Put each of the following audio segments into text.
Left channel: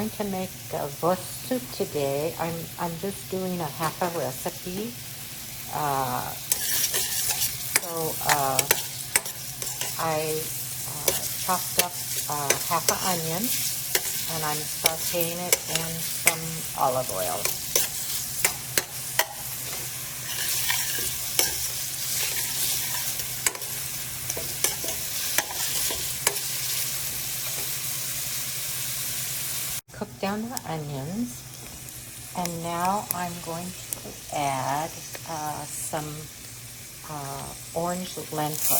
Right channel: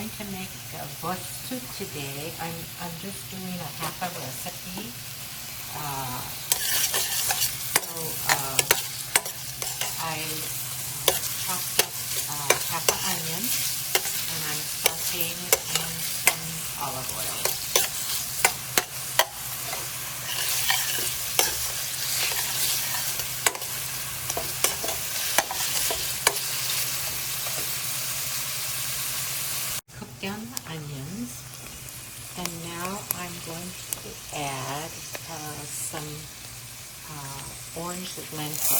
going to make Vosp soup today. I'm just doing a half a recipe. I chopped up half an onion, and I'm sauteing it in some olive oil. Cook down the onions, and now I'm going to add some orange lentil.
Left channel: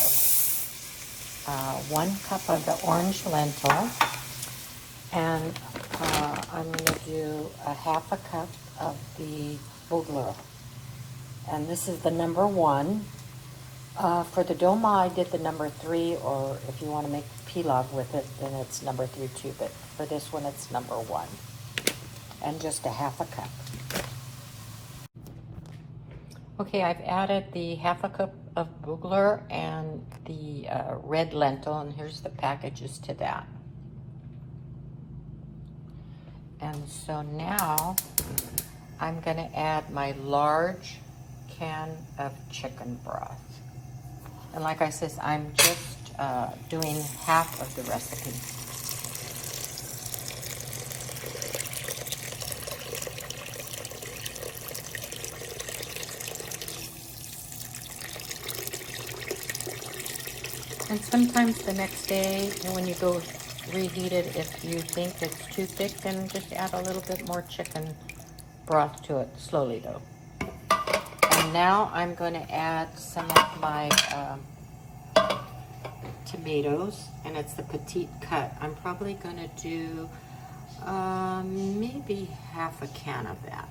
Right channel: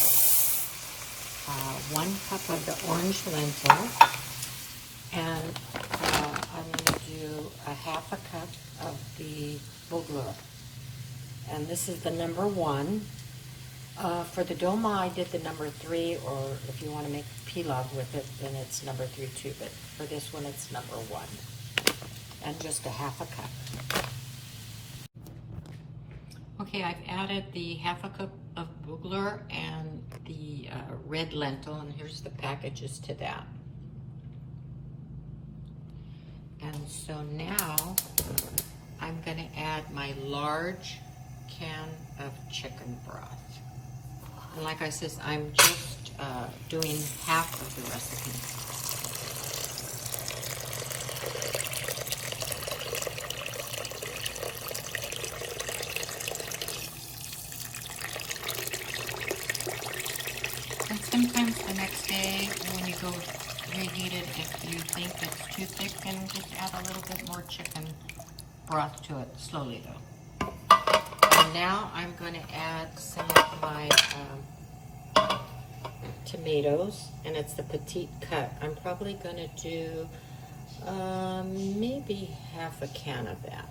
1 cup of the orange lentil, and I'm going to do a half a cup of the bugler, and this is the number 1. For the dolma, I did the number 3, or if you want to make pilav with it, then it's number 3 too, but for this one, it's number 1, and just a half a cup. Okay, I've added the half a cup of bugler and the red lentil, and here's the packages to that. And so now I'm going to add my large can of chicken broth. And like I said, I'm just doing half of the recipe. And sometimes the next day when you go reheat it, if you think it's too thick, then just add a little bit more chicken broth to it, slowly though. And now I'm going to add some of my tomatoes, and it's the petite cut. I'm probably going to do maybe half a can of that.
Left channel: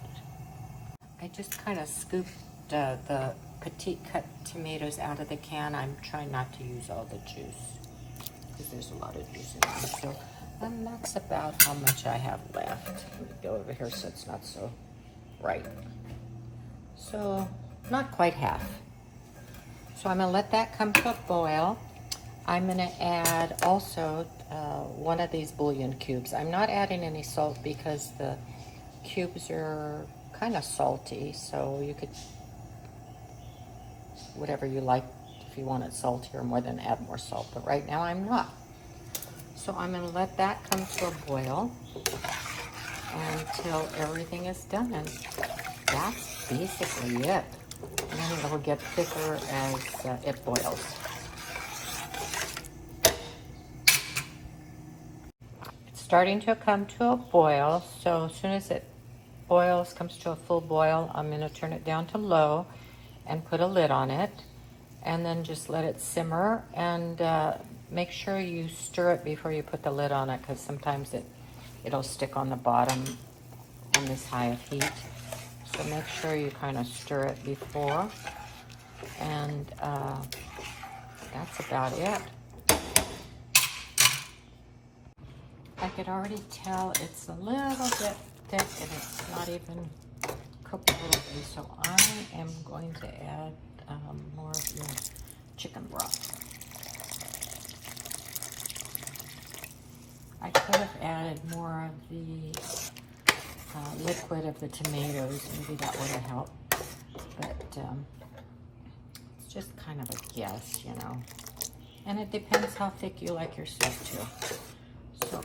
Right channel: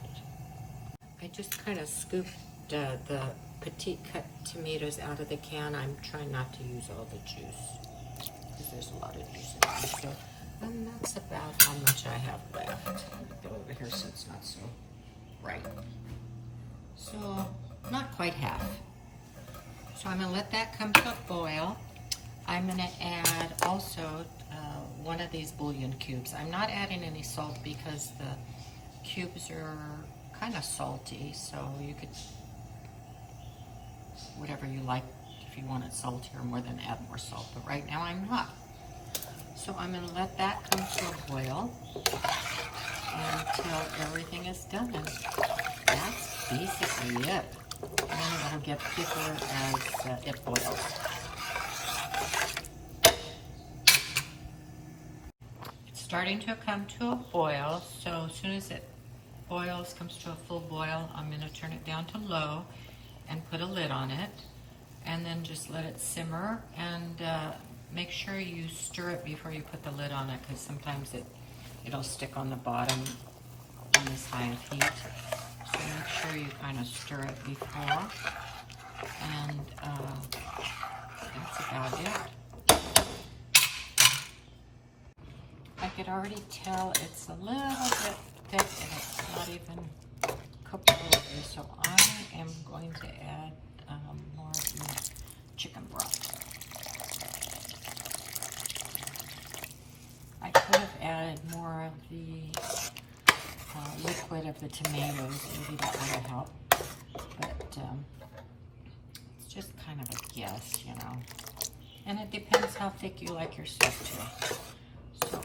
I just kind of scooped the petite cut tomatoes out of the can. I'm trying not to use all the juice because there's a lot of juice in there. So, and that's about how much I have left. Let me go over here so it's not so bright. So not quite half. So I'm going to let that come to a boil. I'm going to add also 1 of these bouillon cubes. I'm not adding any salt because the cubes are kind of salty, so you could, whatever you like, if you want it saltier more, then add more salt, but right now I'm not. So I'm going to let that come to a boil until everything is done, and that's basically it. And it'll get thicker as it boils. It's starting to come to a boil, so as soon as it boils, comes to a full boil, I'm going to turn it down to low and put a lid on it, and then just let it simmer, and make sure you stir it before you put the lid on it, because sometimes it'll stick on the bottom in this high of heat. So make sure you kind of stir it before, and that's about it. I could already tell it's a little bit thick, and it's not even cooked fully, so I am going to add more of the chicken broth. I could have added more of the liquid of the tomatoes. Maybe that would have helped, but it's just kind of a guess, you know. And it depends how thick you like your soup too. So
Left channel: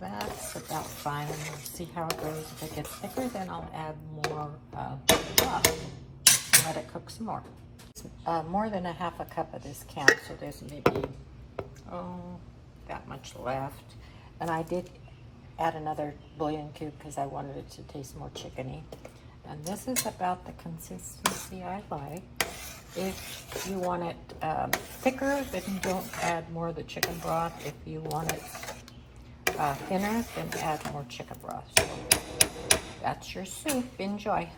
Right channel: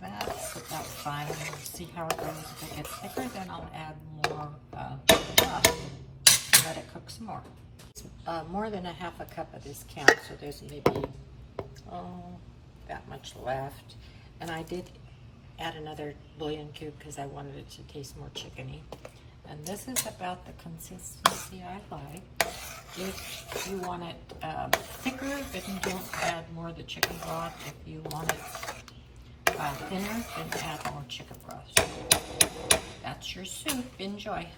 that's about fine. We'll see how it goes. If it gets thicker, then I'll add more broth and let it cook some more. It's more than a half a cup of this can, so there's maybe that much left. And I did add another bouillon cube because I wanted it to taste more chickeny. And this is about the consistency I like. If you want it thicker, then don't add more of the chicken broth. If you want it thinner, then add more chicken broth. So that's your soup. Enjoy.